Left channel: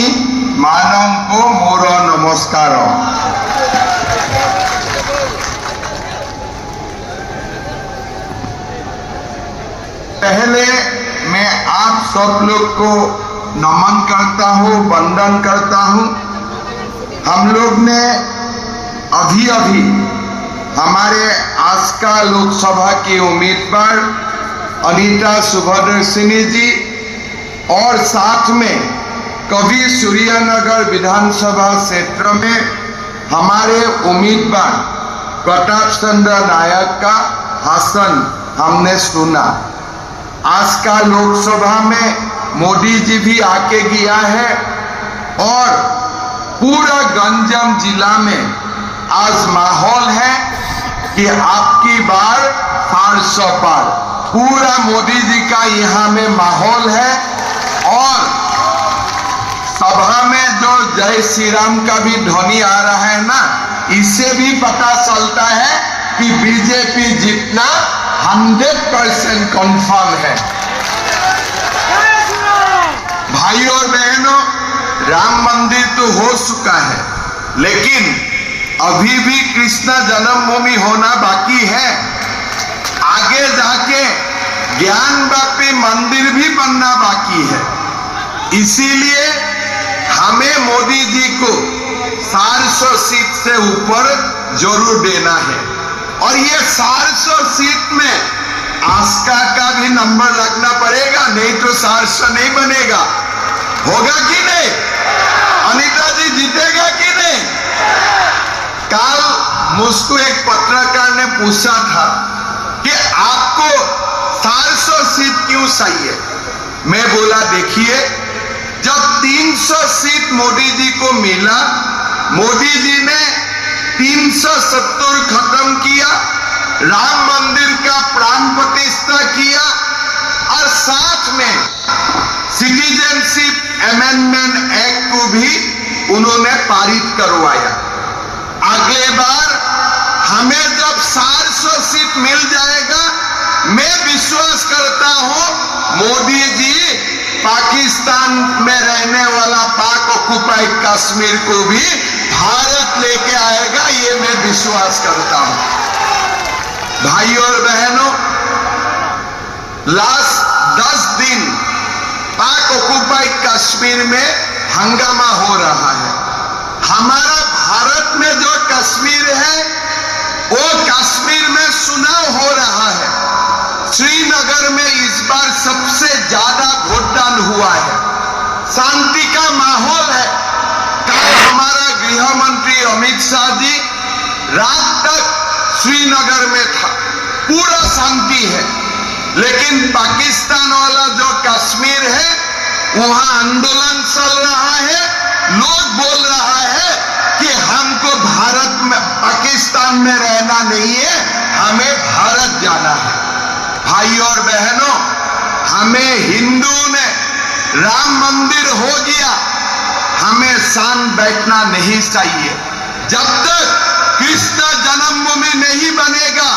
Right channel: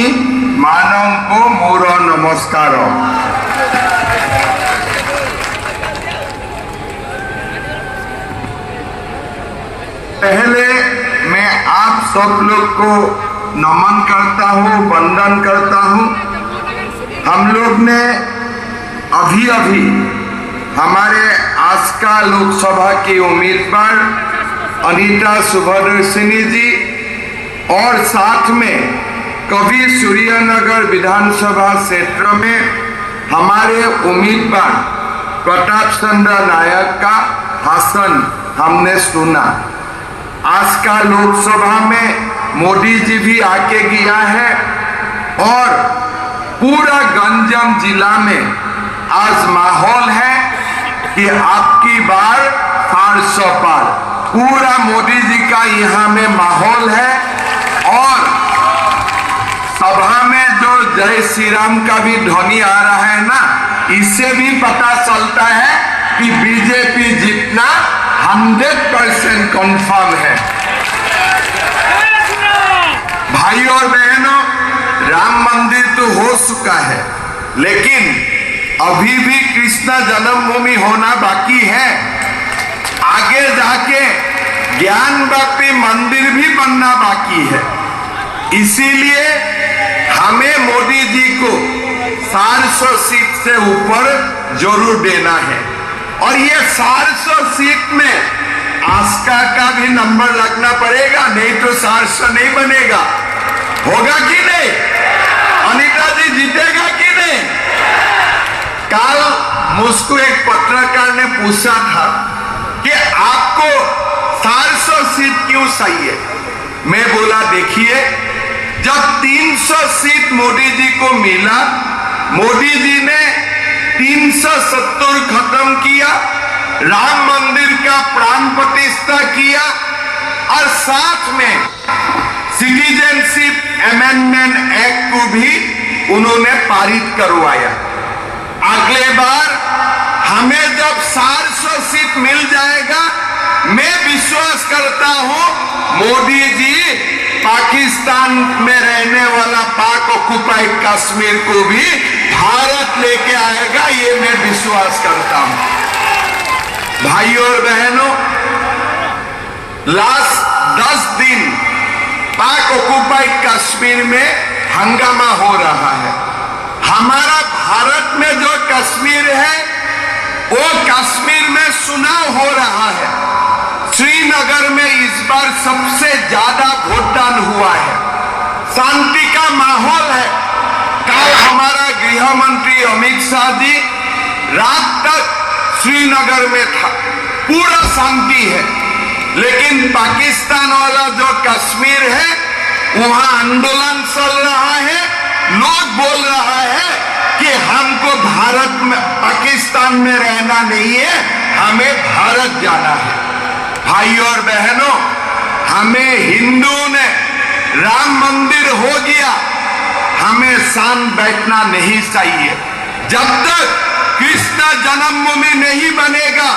भगिनी मानव को मोर नमस्कार। पहले मैं आप सब लोग को नमन करता हूँ, वंदन करता हूँ। हम लोग ने अभी अभी हमारे आज का लोकसभा की उम्मीदवार अनीता सुब्रदर्शनी जी और साथ में कभी सूर्यनगर विधानसभा क्षेत्र में हमारे उम्मीदवार प्रताप चंद्र नायक का भाषण हमने सुना। आज का लोकसभा में मोदी जी भी आके गया है और पूरा गंजम जिला में आज माहौल है कि आपकी बार 400 पार। पूरा मोदी जी का यहाँ में माहौल है और सभा में जो जय श्री राम का भी ध्वनि आ रहा है ना, इससे भी पता चलता है कि बीजेपी जीतना 100% कंफर्म है। भाई और बहनों, राम मंदिर तो हो चुका है, लेकिन अभी भी कृष्ण जन्मभूमि होना बाकी है। आगे जाके ज्ञानवापी मंदिर भी बनना बाकी है। इसीलिए हमें मोदी जी को 400 सीट से ऊपर जरूर देना है और ये 400 सीट में आस्का का भी नंबर रखना पड़ेगा, नहीं तो 400 नहीं बनेगा। होगा कि नहीं? अनीता जी जीतेगा कि नहीं? कल मुझको एक पत्रकार ने पूछा था कि आपको 400 सीट क्यों चाहिए? मैं बोला देखिए, जब 300 सीट मोदी जी को मिला, मोदी जी ने 370 खत्म किया, राम मंदिर का प्राण प्रतिष्ठा किया और साथ में सिटीजनशिप अमेंडमेंट एक्ट को भी उन्होंने पारित करवाया। अगले बार हमें जब 400 सीट मिल जाएगा, मैं विश्वास करता हूं मोदी जी पाकिस्तान में रहने वाला पाक ऑक्युपाइड कश्मीर को भी भारत लेके आएगा, ये मैं विश्वास करता हूं। भाई और बहनों, लास्ट 10 दिन पाक ऑक्युपाइड कश्मीर में हंगामा हो रहा है। हमारा भारत में जो कश्मीर है, वो कश्मीर में चुनाव हो रहा है। श्रीनगर में इस बार सबसे ज्यादा वोटदान हुआ है, शांति का माहौल है। कल हमारा गृह मंत्री अमित शाह जी रात तक श्रीनगर में था, पूरा शांति है। लेकिन पाकिस्तान वाला जो कश्मीर है, वहां आंदोलन चल रहा है। लोग बोल रहा है कि हमको भारत में, पाकिस्तान में रहना नहीं है, हमें भारत जाना है। भाई और बहनों, हमें हिंदू ने राम मंदिर हो गया, हमें शान बैठना नहीं चाहिए। जब तक कृष्ण जन्मभूमि नहीं बनेगा,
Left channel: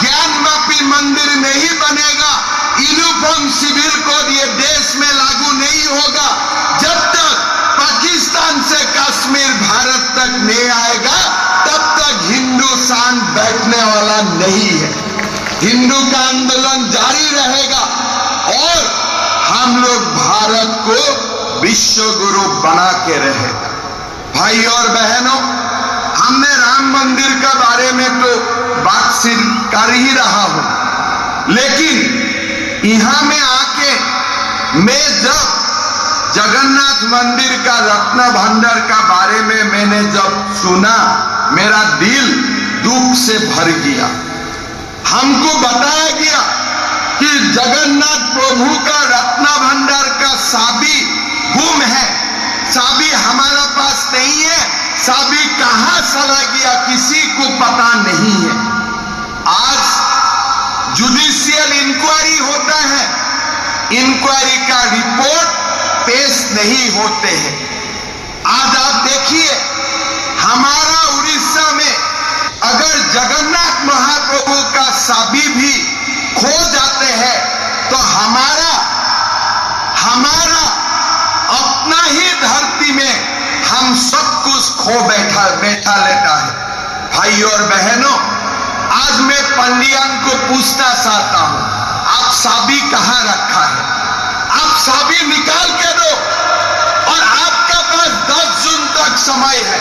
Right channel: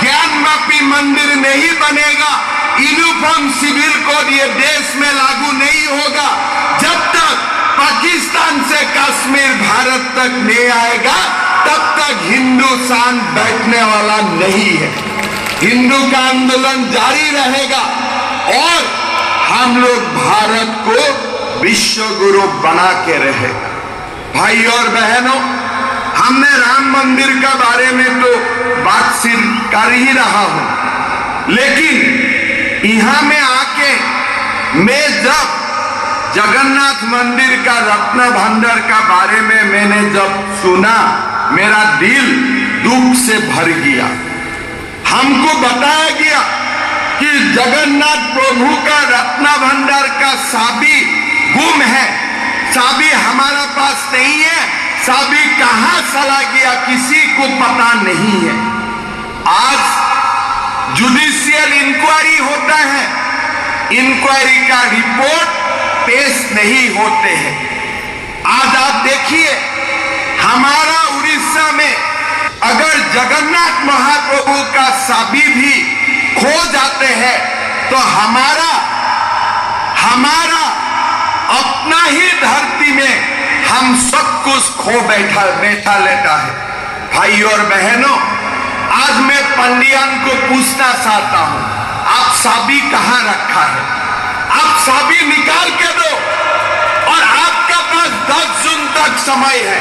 ज्ञानवापी मंदिर नहीं बनेगा, यूनिफॉर्म सिविल कोड ये देश में लागू नहीं होगा, जब तक पाकिस्तान से कश्मीर भारत तक नहीं आएगा, तब तक हिंदू शान बैठने वाला नहीं है। हिंदू का आंदोलन जारी रहेगा और हम लोग भारत को विश्व गुरु बना के रहेगा। भाई और बहनों, हमने राम मंदिर का बारे में तो बातचीत कर ही रहा हूं, लेकिन यहां में आके मैं जब जगन्नाथ मंदिर का रत्न भंडार का बारे में मैंने जब सुना, मेरा दिल दुख से भर गया। हमको बताया गया कि जगन्नाथ प्रभु का रत्न भंडार का चाबी गुम है, चाबी हमारा पास नहीं है, चाबी कहां चला गया किसी को पता नहीं है। आज जुडिशियल इंक्वायरी होता है, इंक्वायरी का रिपोर्ट पेश नहीं होते हैं। आज आप देखिए, हमारा उड़ीसा में अगर जगन्नाथ महाप्रभु का चाबी भी खो जाते हैं तो हमारा अपना ही धरती हम सब कुछ खो बैठा लेता है। भाई और बहनों, आज मैं पंडियन को पूछना चाहता हूं, आप चाबी कहां रखा है? आप चाबी निकाल के दो, और आपका पास 10 जून तक समय है।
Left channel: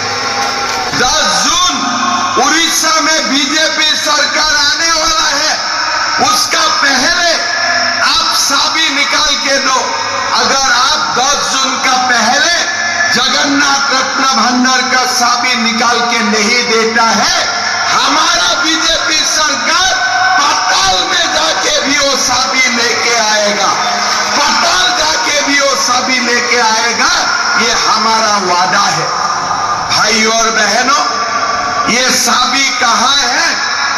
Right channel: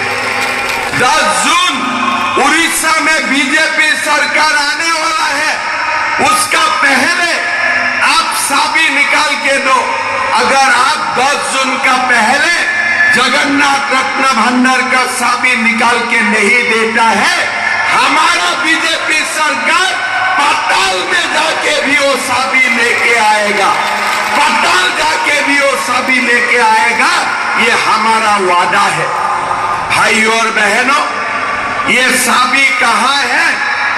10 जून उड़ीसा में बीजेपी सरकार आने वाला है, उसका पहले आप चाबी निकाल के दो। अगर आप 10 जून का पहले जगन्नाथ रत्न भंडार का चाबी निकाल के नहीं देता है, हमारा बीजेपी सरकार पाताल में जाके भी वो चाबी लेके आएगा। पाताल जाके भी वो चाबी लेके आएगा, ये हमारा वादा है। भाई और बहनों, ये चाबी कहाँ है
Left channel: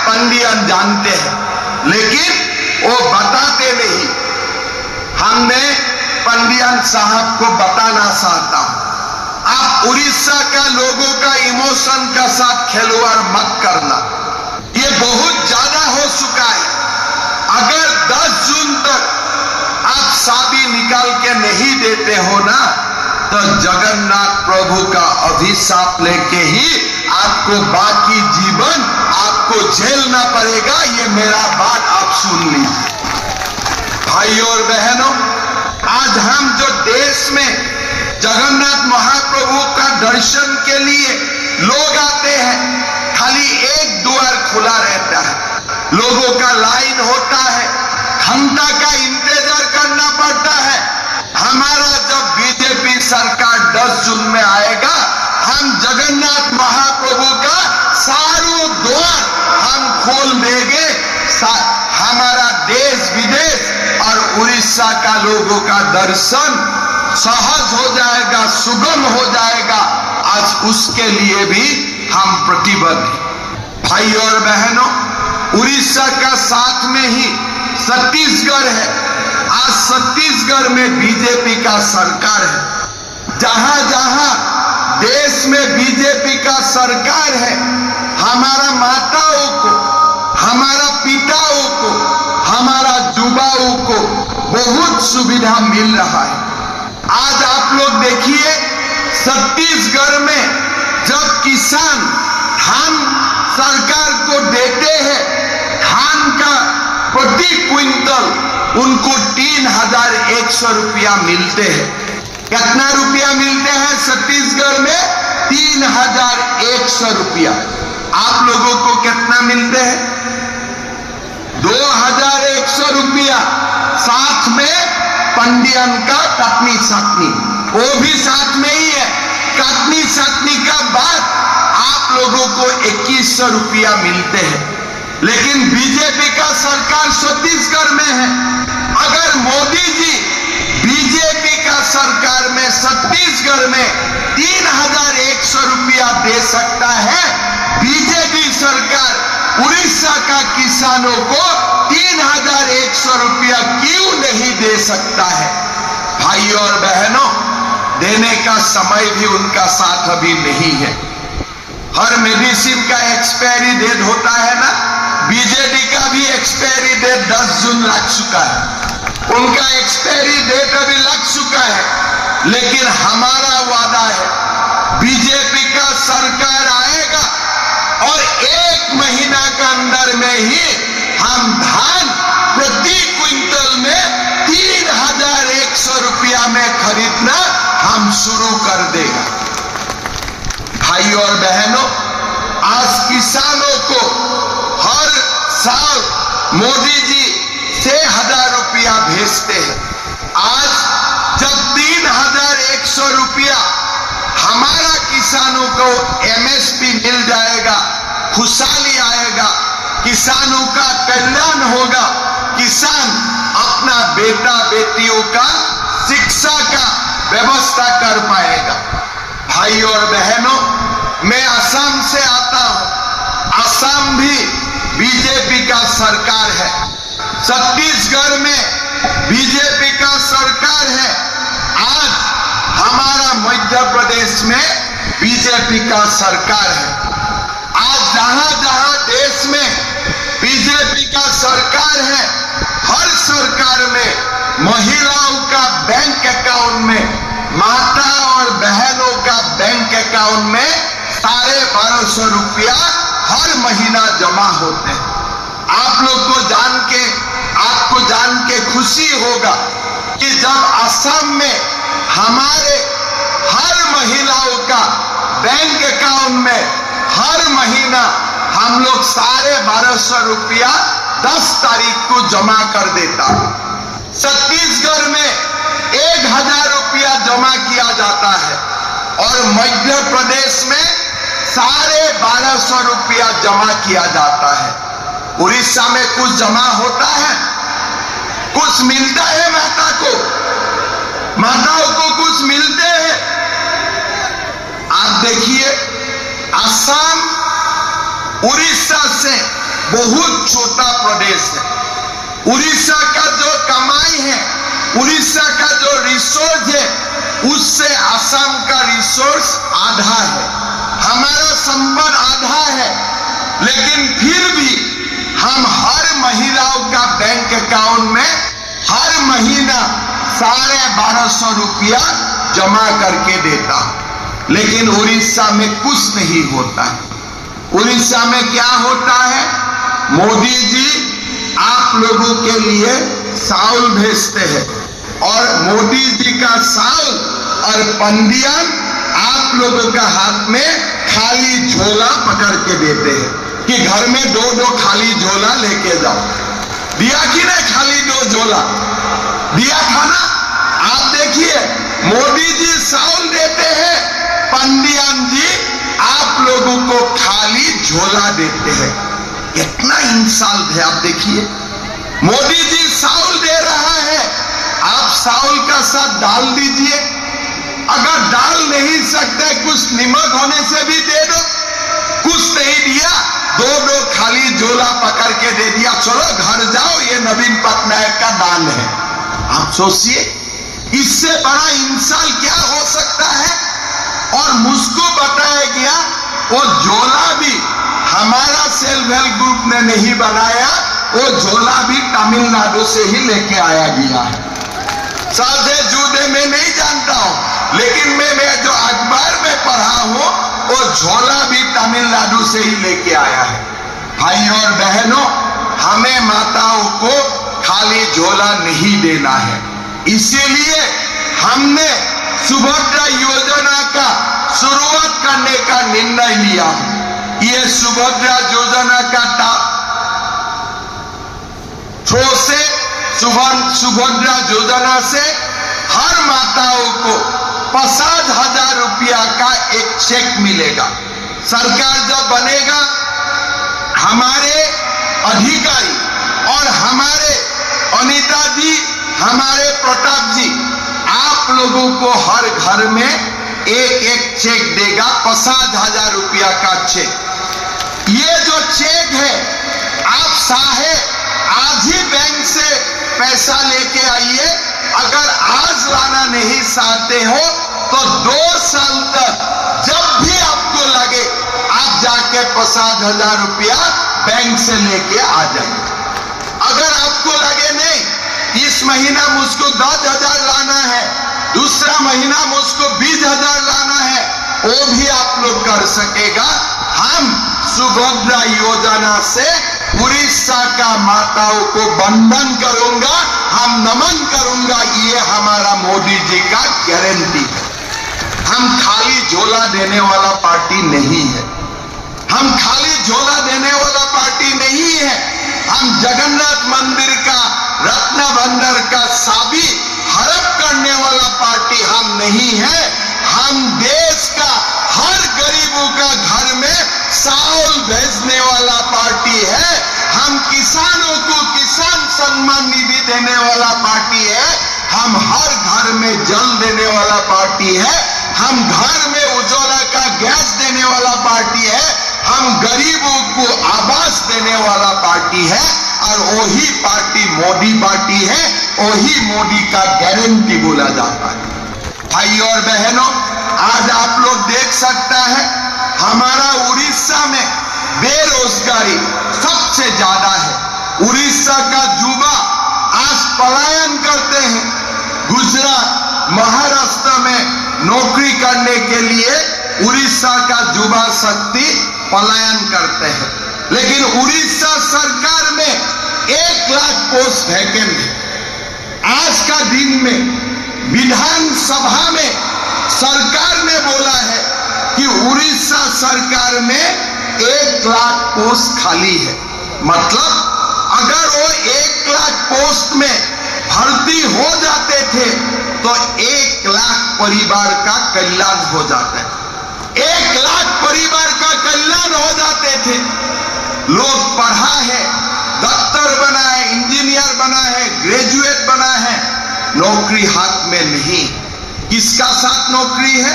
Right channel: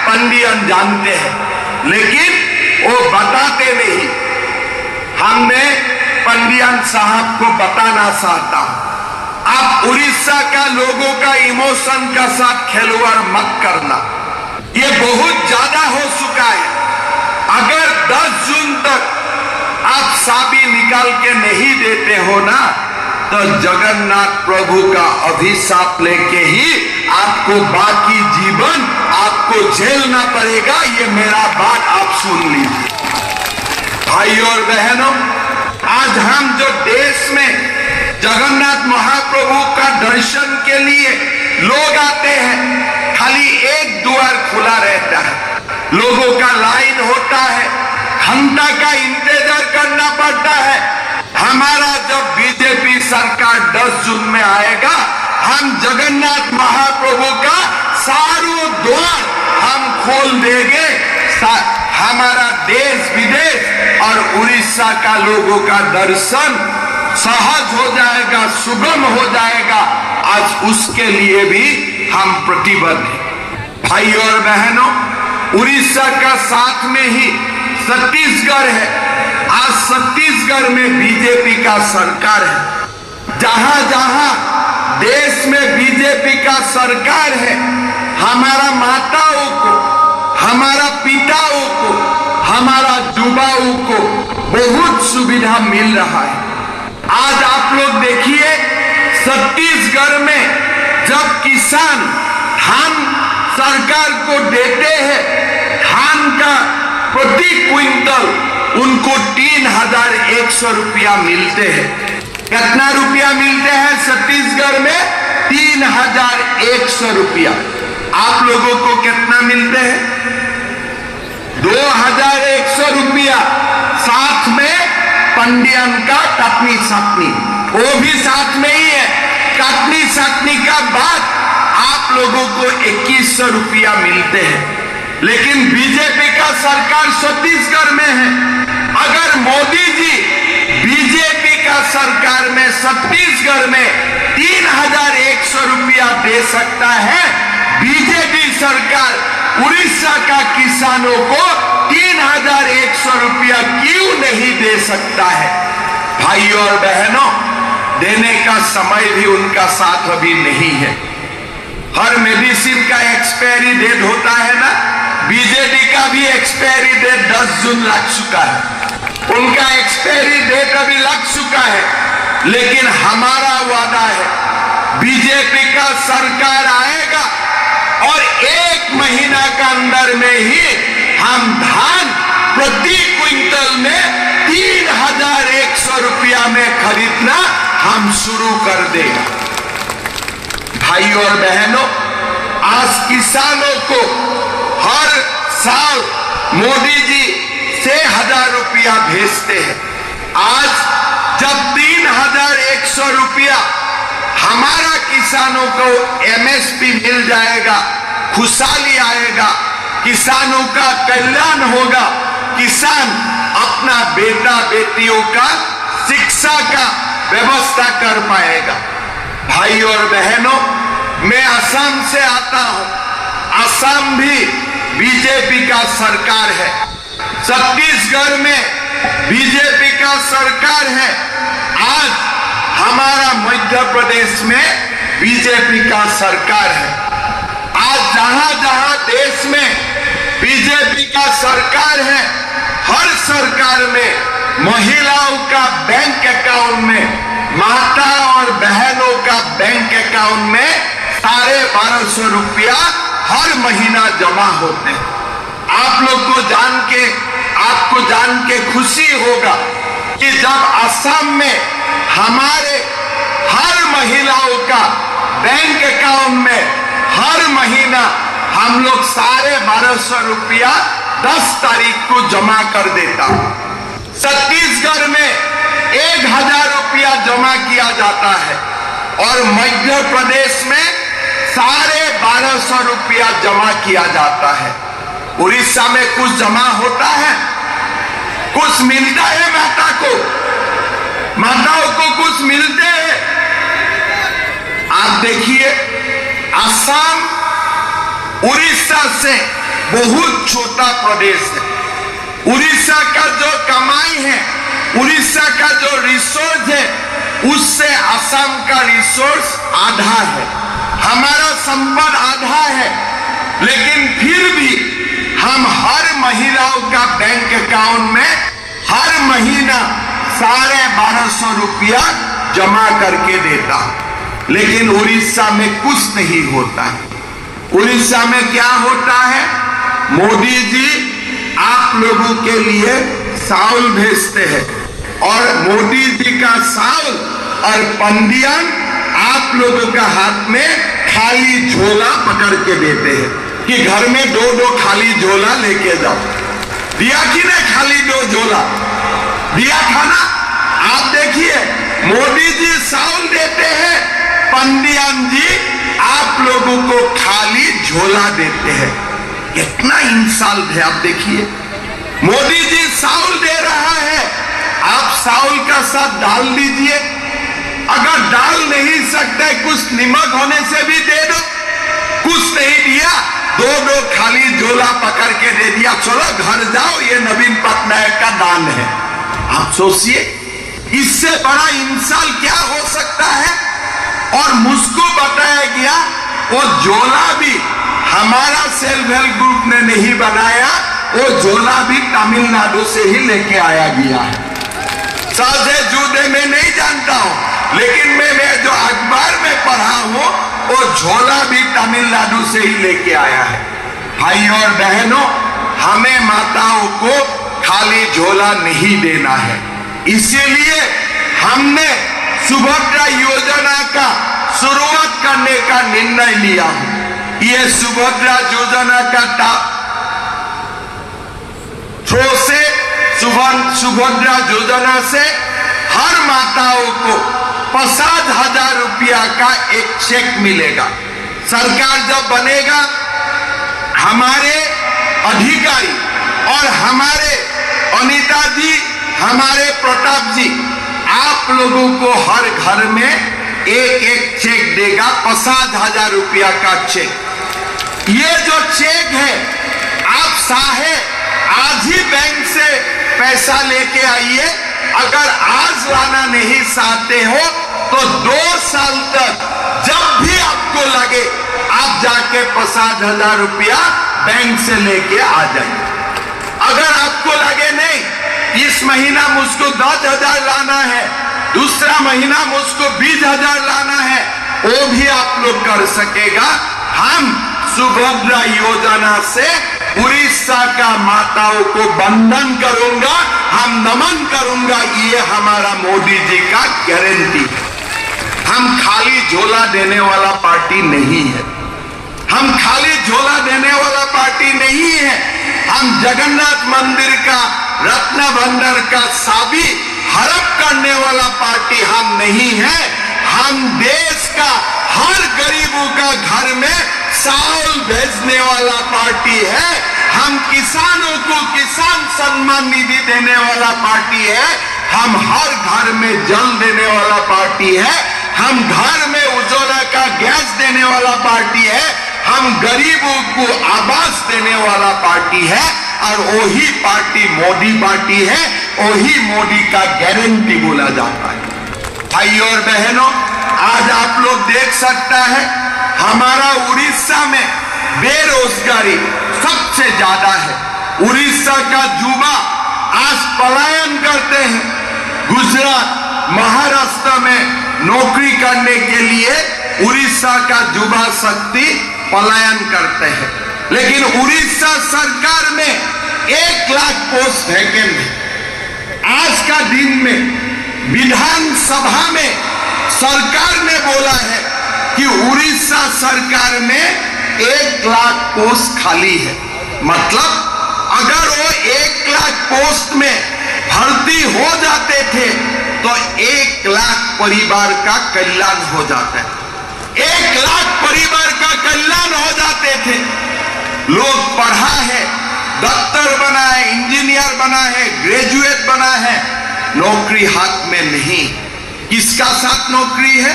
पंडियन जानते हैं, लेकिन वो बताते नहीं। हमने पंडियन साहब को बताना चाहता हूं, आप उड़ीसा का लोगों का इमोशन का साथ खिलवाड़ मत करना, ये बहुत ज्यादा हो चुका है। अगर 10 जून तक आप चाबी निकाल के नहीं देते हो ना, तो जगन्नाथ प्रभु का अभिशाप लेके ही आपको बाकी जीवन आपको झेलना पड़ेगा। ये मेरा बात आप सुन लीजिए। भाई और बहनों, आज हम जो देश में जगन्नाथ महाप्रभु का दर्शन के लिए लोग आते हैं, खाली एक द्वार खुला रहता है, लोगों का लाइन होता है, घंटा का इंतजार करना पड़ता है। हमारा जब बीजेपी सरकार 10 जून में आएगा, हम जगन्नाथ महाप्रभु का सारों द्वार हम खोल देंगे। हमारा देश विदेश और उड़ीसा का लोगों का दर्शन सहज हो जाएगा, सुगम हो जाएगा। आज उसके लिए भी हम प्रतिबद्ध हैं। भाई और बहनों, उड़ीसा का साथ में ही छत्तीसगढ़ है। आज छत्तीसगढ़ में बीजेपी का सरकार है। जहां जहां देश में बीजेपी का सरकार है, हमारा माताओं को, हमारा पिताओं को, हमारा युवाओं को बहुत सुविधा मिल रहा है। आज आप लोग देखिए, छत्तीसगढ़ में जब किसान धान सरकार को देते हैं, धान का प्रति क्विंटल उनको 3100 रुपया मिलते हैं। कितना रुपया मिलते हैं छत्तीसगढ़ में? 3100 रुपया। आप लोगों को कितना मिलते हैं? 2100 रुपया। साथ में पंडियन का कटनी सटनी, वो भी साथ में ही है। कटनी सटनी का बाद आप लोगों को 2100 रुपया मिलते हैं। लेकिन बीजेपी का सरकार छत्तीसगढ़ में है। अगर मोदी जी बीजेपी का सरकार में छत्तीसगढ़ में 3100 रुपया दे सकता है, बीजेपी सरकार उड़ीसा का किसानों को 3100 रुपया क्यों नहीं दे सकता है? भाई और बहनों, देने का समय भी उनका साथ अभी नहीं है। हर मेडिसिन का एक्सपायरी डेट होता है ना, बीजेपी का भी एक्सपायरी डेट 10 जून लग चुका है। उनका एक्सपायरी डेट अभी लग चुका है। लेकिन हमारा वादा है, बीजेपी का सरकार आएगा और 1 महीना का अंदर में ही हम धान प्रति क्विंटल में 3100 रुपया में खरीदना हम शुरू कर देगा। भाई और बहनों, आज किसानों को हर साल मोदी जी 6000 रुपया भेजते हैं। आज जब 3100 रुपया हमारा किसानों को एमएसपी मिल जाएगा, खुशहाली आएगा, किसानों का कल्याण होगा, किसान अपना बेटा बेटियों का शिक्षा का व्यवस्था कर पाएगा। भाई और बहनों, मैं असम से आता हूं। असम भी बीजेपी का सरकार है। छत्तीसगढ़ में बीजेपी का सरकार है। आज हमारा मध्य प्रदेश में बीजेपी का सरकार है। आज जहां जहां देश में बीजेपी का सरकार है, हर सरकार में महिलाओं का बैंक अकाउंट में माता और बहनों का बैंक अकाउंट में 1250 रुपया हर महीना जमा होते हैं। आप लोग को आपको जान के खुशी होगा कि जब असम में हमारे हर महिलाओं का बैंक अकाउंट में हर महीना हम लोग 1250 रुपया 10 तारीख को जमा कर देता। छत्तीसगढ़ में 1000 रुपया जमा किया जाता है और मध्य प्रदेश में 1250 रुपया जमा किया जाता है। उड़ीसा में कुछ जमा होता है, कुछ मिलता है माताओं को कुछ मिलते हैं। आप देखिए, असम उड़ीसा से बहुत छोटा प्रदेश है। उड़ीसा का जो कमाई है, उड़ीसा का जो रिसोर्स है, उससे असम का रिसोर्स आधा है, हमारा संपद आधा है। लेकिन फिर भी हम हर महिलाओं का बैंक अकाउंट में हर महीना 1250 रुपया जमा करके देता। लेकिन उड़ीसा में कुछ नहीं होता है। उड़ीसा में क्या होता है? मोदी जी आप लोगों के लिए चावल भेजते हैं और मोदी जी का चावल और पंडियन आप लोगों का हाथ में खाली झोला पकड़ के देते हैं कि घर में 2 खाली झोला लेके जाओ। दिया कि नहीं? खाली 2 झोला दिया था ना। आप देखिए, मोदी जी चावल देते हैं, पंडियन जी आप लोगों को खाली झोला देते हैं। कितना इंसान है। आप देखिए, मोदी जी चावल दे रहा है, आप चावल का साथ डाल दीजिए। अगर डाल नहीं सकते, कुछ नमक होने से भी दे दो। कुछ नहीं दिया, 2 खाली झोला पकड़ के दे दिया, चलो घर जाओ, ये नवीन पटनायक का दान है। आप सोचिए, इससे बड़ा इंसान क्या हो सकता है। और मुझको बताया गया वो झोला भी हमारा सेल्फ हेल्प ग्रुप ने नहीं बनाया, वो झोला भी तमिलनाडु से ही लेके आया गया है। साझे जूदे में नहीं जानता हूं, लेकिन मैं जो अखबार में पढ़ा हूं, वो झोला भी तमिलनाडु से ही लेके आया है। भाई और बहनों, हमें माताओं को खाली झोला नहीं देना है। इसीलिए हमने सुभद्रा योजना का शुरुआत करने का निर्णय लिया। ये सुभद्रा योजना का थ्रो से सुभद्रा योजना से हर माताओं को 50,000 रुपया का एक चेक मिलेगा। सरकार जब बनेगा, हमारे अधिकारी और हमारे अनिता जी, हमारे प्रताप जी, आप लोगों को हर घर में एक चेक देगा, 50,000 रुपया का चेक। ये जो चेक है, आप चाहे आज ही बैंक से पैसा लेके आइए। अगर आज लाना नहीं चाहते हो तो 2 साल तक जब भी आपको लगे, आप जाके 50,000 रुपया बैंक से लेके आ जाइए। अगर आपको लगे नहीं, इस महीना मुझको 10,000 लाना है, दूसरा महीना मुझको 20,000 लाना है, वो भी आप लोग कर सकेगा। हम सुभद्रा योजना से उड़ीसा का माताओं को वंदन करूंगा, हम नमन करूंगा। ये हमारा मोदी जी का गारंटी है। हम खाली झोला देने वाला पार्टी नहीं है। हम खाली झोला देने वाला पार्टी नहीं है। हम जगन्नाथ मंदिर का रत्न भंडार का चाबी हड़प करने वाला पार्टी हम नहीं है। हम देश का हर गरीबों का घर में चावल भेजने वाला पार्टी है। हम किसानों को किसान सम्मान निधि देने वाला पार्टी है। हम हर घर में जल देने वाला पार्टी है। हम घर में उजाला का गैस देने वाला पार्टी है। हम गरीबों को आवास देने वाला पार्टी है। और वही पार्टी मोदी पार्टी है। वही मोदी का गारंटी बोला जाता है। भाई और बहनों, आज आप लोग देख सकता है, हमारा उड़ीसा में बेरोजगारी सबसे ज्यादा है। उड़ीसा का युवा आज पलायन करते हैं, गुजरात, महाराष्ट्र में नौकरी करने के लिए उड़ीसा का युवा शक्ति पलायन करते हैं। लेकिन उड़ीसा सरकार में 1 लाख पोस्ट वैकेंट है। आज का दिन में विधानसभा में सरकार ने बोला है कि उड़ीसा सरकार में 1 लाख पोस्ट खाली है। मतलब अगर वो 1 लाख पोस्ट में भर्ती हो जाते थे तो 1 लाख परिवार का कल्याण हो जाता है। 1 लाख परिवार का कल्याण हो जाते थे। लोग पढ़ा है, डॉक्टर बना है, इंजीनियर बना है, ग्रेजुएट बना है, नौकरी हाथ में नहीं। किसका साथ नौकरी है?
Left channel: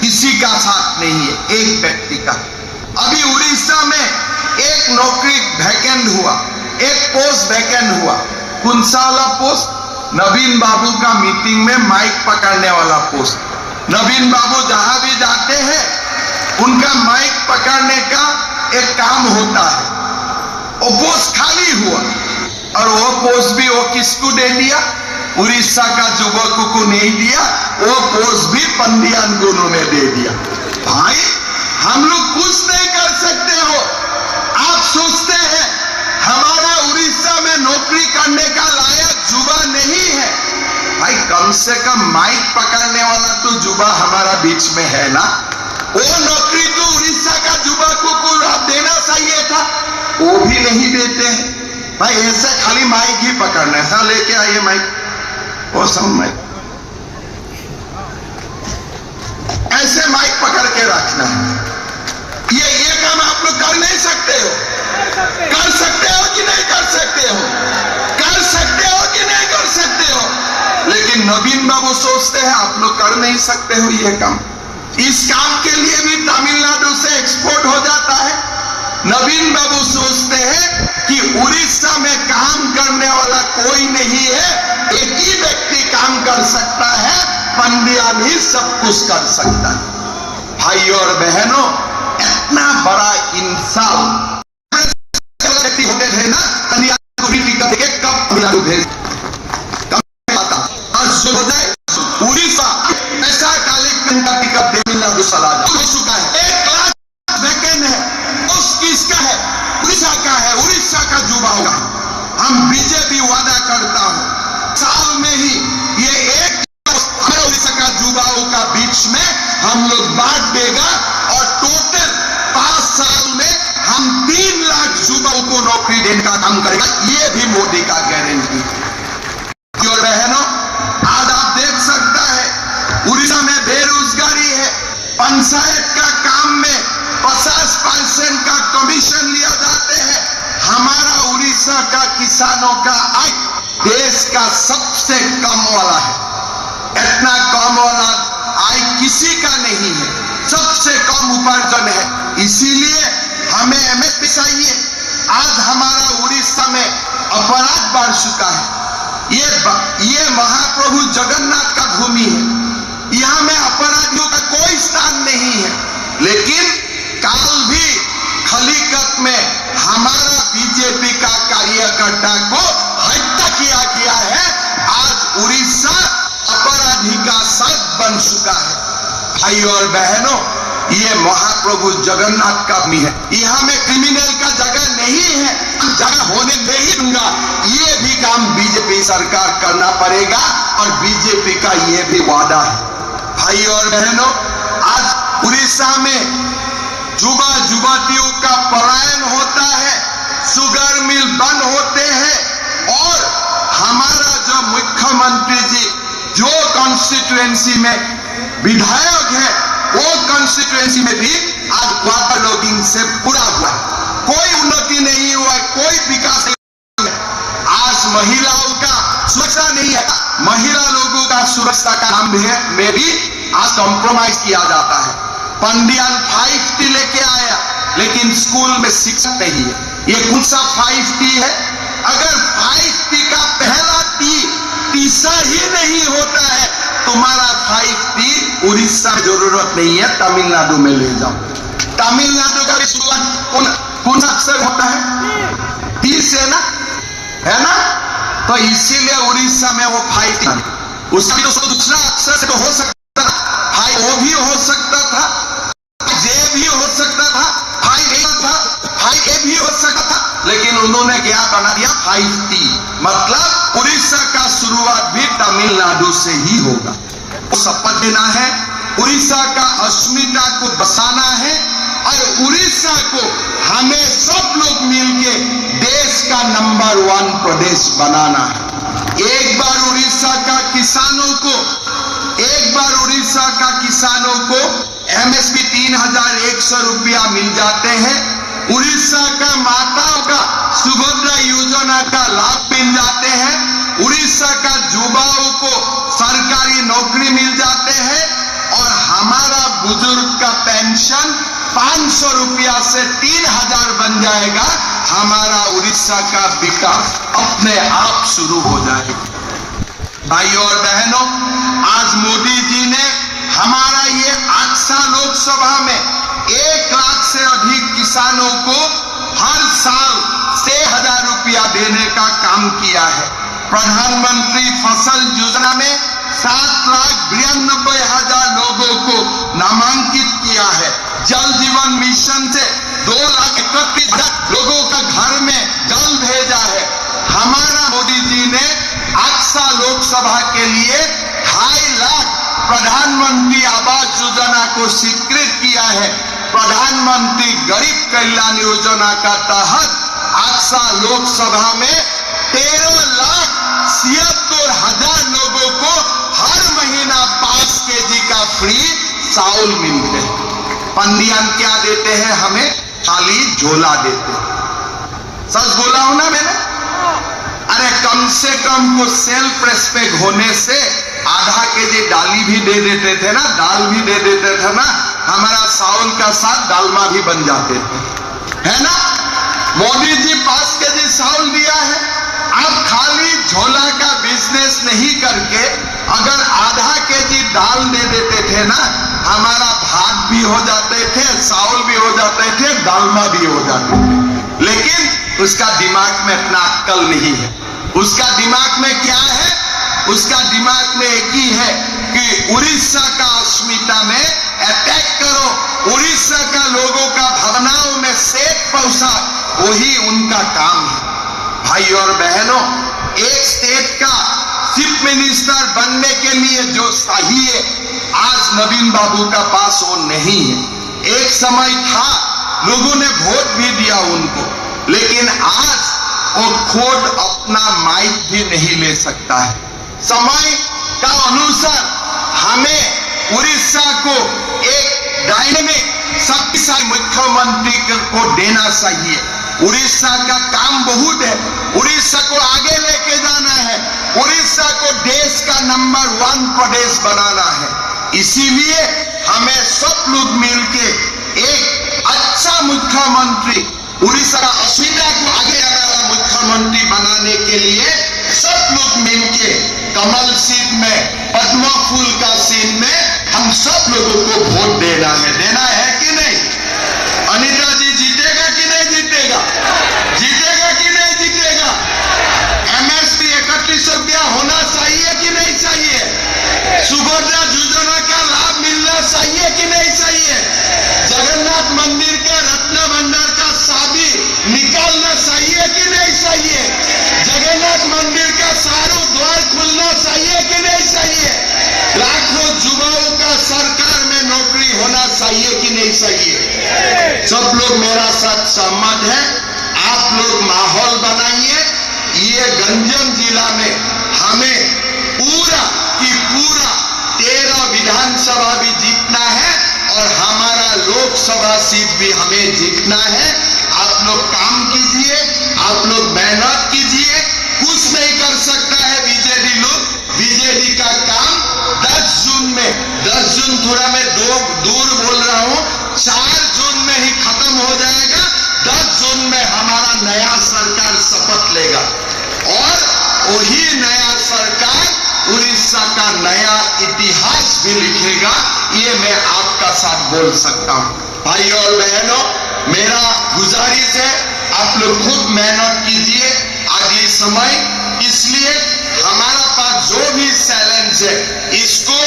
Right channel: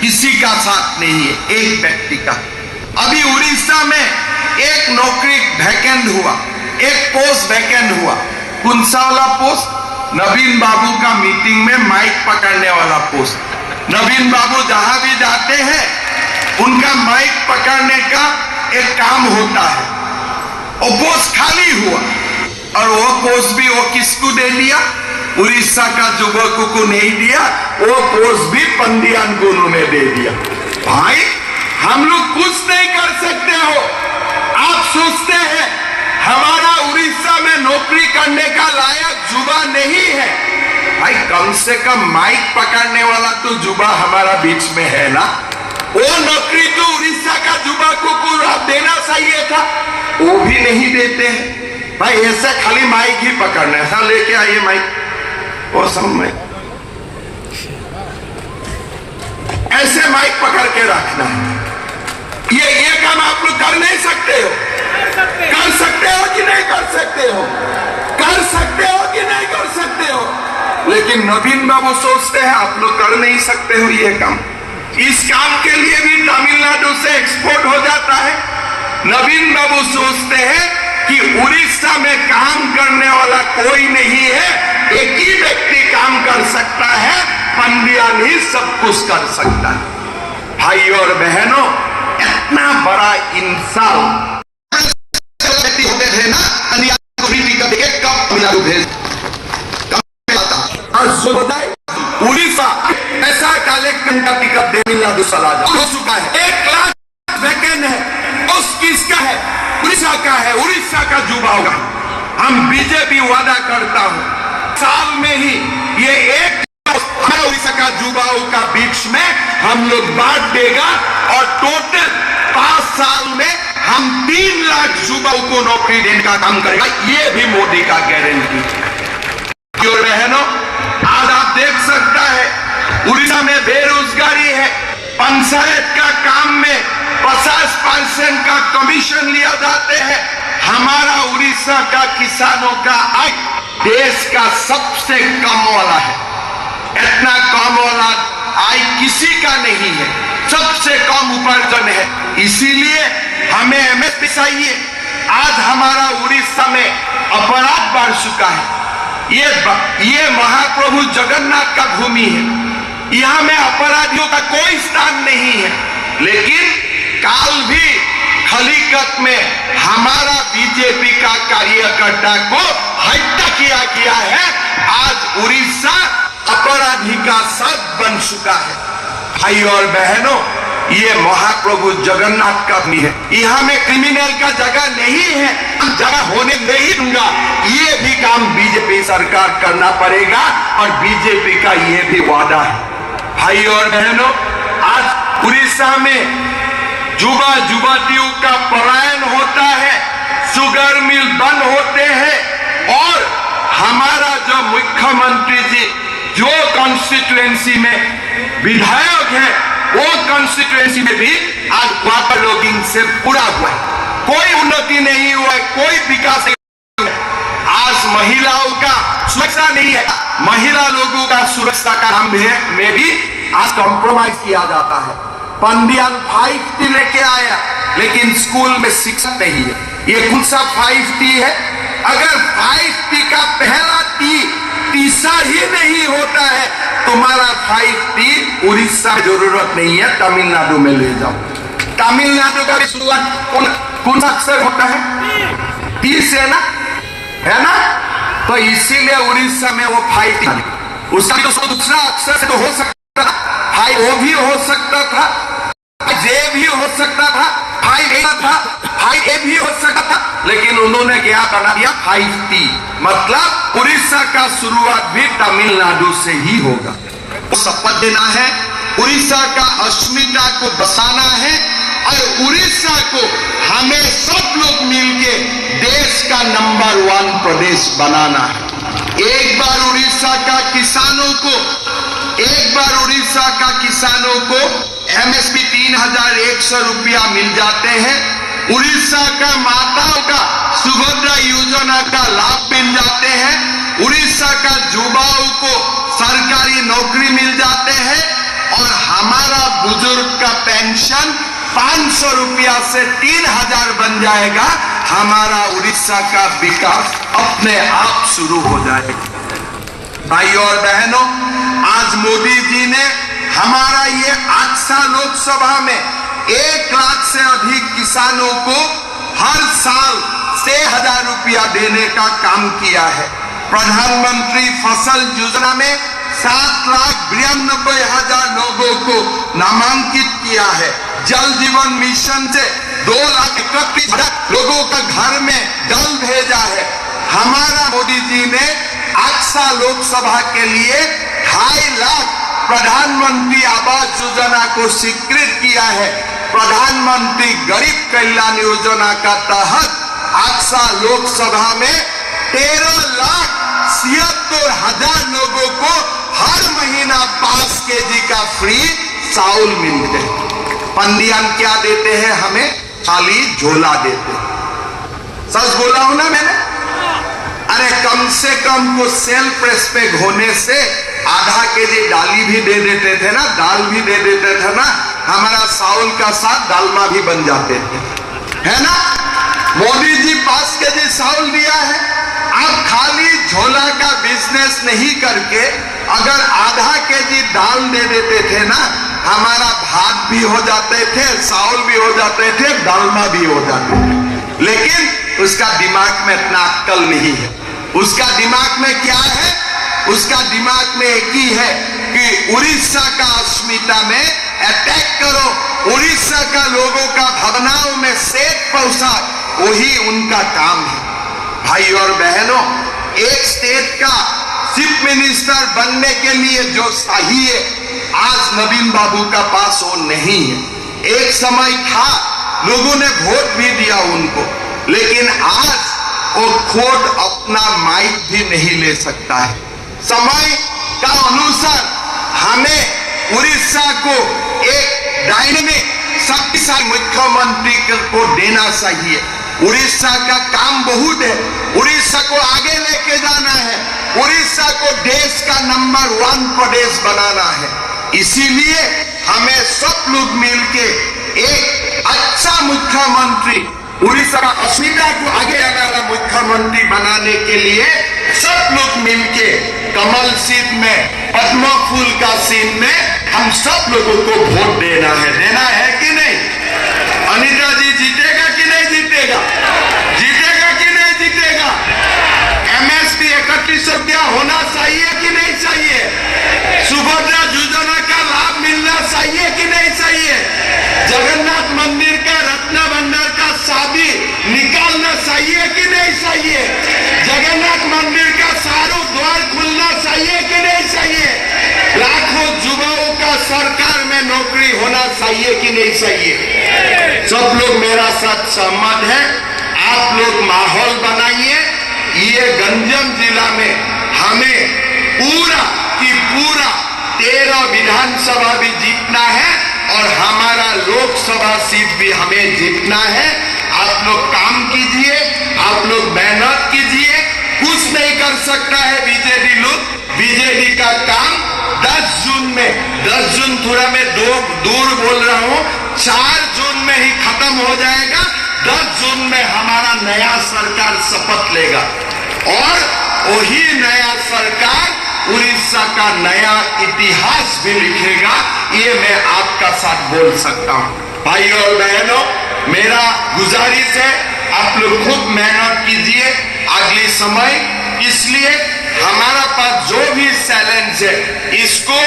किसी का साथ नहीं है, एक व्यक्ति का। अभी उड़ीसा में एक नौकरी वैकेंट हुआ, एक पोस्ट वैकेंट हुआ। कौन सा वाला पोस्ट? नवीन बाबू का मीटिंग में माइक पकड़ने वाला पोस्ट। नवीन बाबू जहां भी जाते हैं उनका माइक पकड़ने का एक काम होता है। वो पोस्ट खाली हुआ और वो पोस्ट भी वो किसको दे दिया? उड़ीसा का युवकों को नहीं दिया, वो पोस्ट भी पंडियान गुरु ने दे दिया। भाई हम लोग कुछ नहीं कर सकते हो। आप सोचते हैं हमारा उड़ीसा में नौकरी करने का लायक युवा नहीं है। भाई कम से कम माइक पकड़ने वाला तो युवा हमारा बीच में है ना। वो नौकरी तो उड़ीसा का युवकों को देना चाहिए था, वो भी नहीं देते हैं। भाई ऐसे खाली माइक ही पकड़ना है। हाँ लेके आइए माइक, वो सब में ऐसे माइक पकड़ के रखना है। ये काम आप लोग कर नहीं सकते हो। कर सकते हो कि नहीं कर सकते हो? कर सकते हो कि नहीं कर सकते हो? लेकिन नवीन बाबू सोचते हैं आप लोग कर नहीं सकते हो ये काम। इस काम के लिए भी तमिलनाडु से एक्सपोर्ट हो जाता है। नवीन बाबू सोचते हैं कि उड़ीसा में काम करने वाला कोई नहीं है, एक ही व्यक्ति काम कर सकता है, पंडियान ही सब कुछ कर सकता है। भाई और बहनों, इतना बड़ा इंसान होते थे ना, उड़ीसा ऐसा कलेक्टर का टिकट तमिलनाडु चला हो चुका है। 1 लाख वैकेंट है, उस किसका है? उड़ीसा का है, उड़ीसा का युवा होगा। हम बीजेपी वादा करता हूं साल में ही ये 1 उड़ीसा का युवाओं का बीच में हम लोग बांट देगा और टोटल 5 साल में हम 3 लाख युवाओं को नौकरी देने का काम करेगा। ये भी मोदी का गारंटी। क्यों बहनों, आज आप देख सकता है उड़ीसा में बेरोजगारी है। पंचायत का काम में 50% का कमीशन लिया जाते हैं। हमारा उड़ीसा का किसानों का आय देश का सबसे कम वाला है। इतना कम वाला आय किसी का नहीं है, सबसे कम उपार्जन है। इसीलिए हमें एमएसपी चाहिए। आज हमारा उड़ीसा में अपराध बढ़ चुका है। ये महाप्रभु जगन्नाथ का भूमि है। यहां में अपराधियों का कोई स्थान नहीं है। लेकिन काल भी खलीकत में हमारा बीजेपी का कार्यकर्ता को हत्या किया गया है। आज उड़ीसा अपराधी का साथ बन चुका है। भाई और बहनों, ये महाप्रभु जगन्नाथ का भी है। यहाँ में क्रिमिनल का जगह नहीं है, जगह होने नहीं दूंगा। ये भी काम बीजेपी सरकार करना पड़ेगा और बीजेपी का ये भी वादा है। भाई और बहनों, आज उड़ीसा में युवा युवतियों का पलायन होता है, शुगर मिल बंद होते हैं और हमारा जो मुख्यमंत्री जी जो कॉन्स्टिट्यूएंसी में विधायक है, वो कॉन्स्टिट्यूएंसी में भी आज वाटर लॉगिंग से पूरा हुआ। कोई उन्नति नहीं हुआ, कोई विकास नहीं हुआ। आज महिलाओं का सुरक्षा नहीं है, महिला लोगों का सुरक्षा का नाम में भी आज कॉम्प्रोमाइज किया जाता है। पंडियान 5T लेके आया, लेकिन स्कूल में शिक्षक नहीं है। ये कौन सा 5T है? अगर 5T का पहला तीसरा ही नहीं होता है, तुम्हारा 5T उड़ीसा जरूरत नहीं है, तमिलनाडु में ले जाओ। तमिलनाडु का भी शुरुआत कौन सा अक्षर होता है? 30 है ना, है ना? तो इसीलिए उड़ीसा में वो 5T उसका भी तो दूसरा अक्षर से तो हो सकता था, भाई वो भी हो सकता था, जे भी हो सकता था, भाई ए था, भाई ए भी हो सकता था, लेकिन उन्होंने क्या बना दिया 5T, मतलब उड़ीसा का शुरुआत भी तमिलनाडु से ही होगा। शपथ देना है, उड़ीसा का अस्मिता को बसाना है और उड़ीसा को हमें सब लोग मिलके देश का नंबर 1 प्रदेश बनाना है। एक बार उड़ीसा का किसानों को MSP 3,100 रुपया मिल जाते हैं, उड़ीसा का माताओं का सुभद्रा योजना का लाभ मिल जाते हैं, उड़ीसा का युवाओं को सरकारी नौकरी मिल जाते हैं और हमारा बुजुर्ग का पेंशन 500 रुपया से 3,000 बन जाएगा। हमारा उड़ीसा का विकास अपने आप शुरू हो जाएगा। भाइयों और बहनों, आज मोदी जी ने हमारा ये आक्सा लोकसभा में 1 लाख से अधिक किसानों को हर साल 6,000 रुपया देने का काम किया है। प्रधानमंत्री फसल योजना में 7,92,000 लोगों को नामांकित किया है। जल जीवन मिशन से 2,31,000 लोगों का घर में जल भेजा है। हमारा मोदी जी ने आक्सा लोकसभा के लिए 2.5 लाख प्रधानमंत्री आवास योजना को स्वीकृत किया है। प्रधानमंत्री गरीब कल्याण योजना का तहत आक्सा लोकसभा में 13,76,000 लोगों को हर महीना 5 kg का फ्री चावल मिलते हैं। पंडियान क्या देते हैं हमें? खाली झोला देते हैं। सच बोला हूं ना मैंने? अरे कम से कम को सेल्फ रेस्पेक्ट होने से आधा kg डाली भी दे देते थे ना, दाल भी दे देते थे ना, हमारा चावल का साथ दालमा भी बन जाते थे, है ना? मोदी जी 5 kg चावल दिया है। आप खाली झोला का बिजनेस नहीं करके अगर आधा kg दाल दे देते थे ना, हमारा भात भी हो जाते थे, चावल भी हो जाते थे, दालमा भी हो जाते थे। लेकिन उसका दिमाग में इतना अक्ल नहीं है। उसका दिमाग में क्या है? उसका दिमाग में एक ही है कि उड़ीसा का अस्मिता में अटैक करो, उड़ीसा का लोगों का भावनाओं में सेक पहुंचा, वही उनका काम है। भाई और बहनों, एक स्टेट का चीफ मिनिस्टर बनने के लिए जो चाहिए आज नवीन बाबू का पास वो नहीं है। एक समय था लोगों ने वोट भी दिया उनको, लेकिन आज वो खुद अपना माइक भी नहीं ले सकता है। समय का अनुसार हमें उड़ीसा को एक डायनेमिक शक्तिशाली मुख्यमंत्री को देना चाहिए। उड़ीसा का काम बहुत है, उड़ीसा को आगे लेके जाना है, उड़ीसा को देश का नंबर 1 प्रदेश बनाना है। इसीलिए हमें सब लोग मिलके एक अच्छा मुख्यमंत्री, उड़ीसा का अस्मिता को आगे वाला मुख्यमंत्री बनाने के लिए सब लोग मिलके कमल सीट में, पद्म फूल का सीन में हम सब लोगों को वोट देना है कि नहीं? अनिता जी जीतेगा कि नहीं जीतेगा? जीतेगा कि नहीं जीतेगा? MSP 3100 रुपया होना चाहिए कि नहीं चाहिए? सुभद्रा योजना का लाभ मिलना चाहिए कि नहीं चाहिए? जगन्नाथ मंदिर का रत्न भंडार का चाबी निकालना चाहिए कि नहीं चाहिए? जगन्नाथ मंदिर का सारों द्वार खुलना चाहिए कि नहीं चाहिए? लाखों युवाओं का सरकार में नौकरी होना चाहिए कि नहीं चाहिए? सब लोग मेरा साथ सहमत है। आप लोग माहौल बनाइए। ये गंजम जिला में हमें पूरा की पूरा 13 विधानसभा भी जीतना है और हमारा लोकसभा सीट भी हमें जीतना है। आप लोग काम कीजिए, आप लोग मेहनत कीजिए। कुछ नहीं कर सकता है बीजेडी लोग। बीजेडी का काम 10 जून में, 10 जून थोड़ा मैं दूर बोल रहा हूं, 4 जून में ही खत्म हो जाएगा। 10 जून में हमारा नया सरकार शपथ लेगा और वही नया सरकार उड़ीसा का नया इतिहास भी लिखेगा। ये मैं आपका साथ बोल सकता हूं। भाई और बहनों, मेरा गुजारिश है आप लोग खूब मेहनत कीजिए। अगले समय इसलिए हमारा पास जो भी चैलेंज है इसको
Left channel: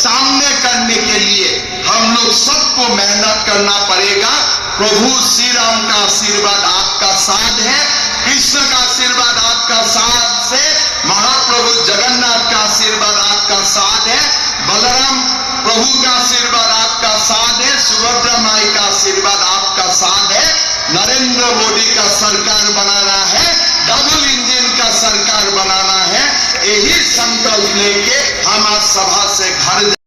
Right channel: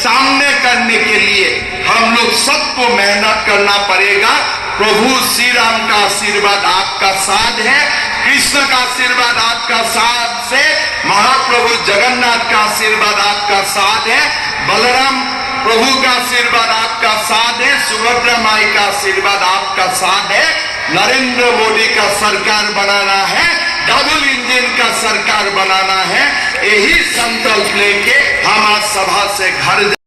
सामने करने के लिए हम लोग सबको मेहनत करना पड़ेगा। प्रभु श्री राम का आशीर्वाद आपका साथ है, कृष्ण का आशीर्वाद आपका साथ से, महाप्रभु जगन्नाथ का आशीर्वाद आपका साथ है, बलराम प्रभु का आशीर्वाद आपका साथ है, सुभद्रा माई का आशीर्वाद आपका साथ है। नरेंद्र मोदी का सरकार बनाना है, डबल इंजन का सरकार बनाना है। यही संकल्प लेके हम आज सभा से घर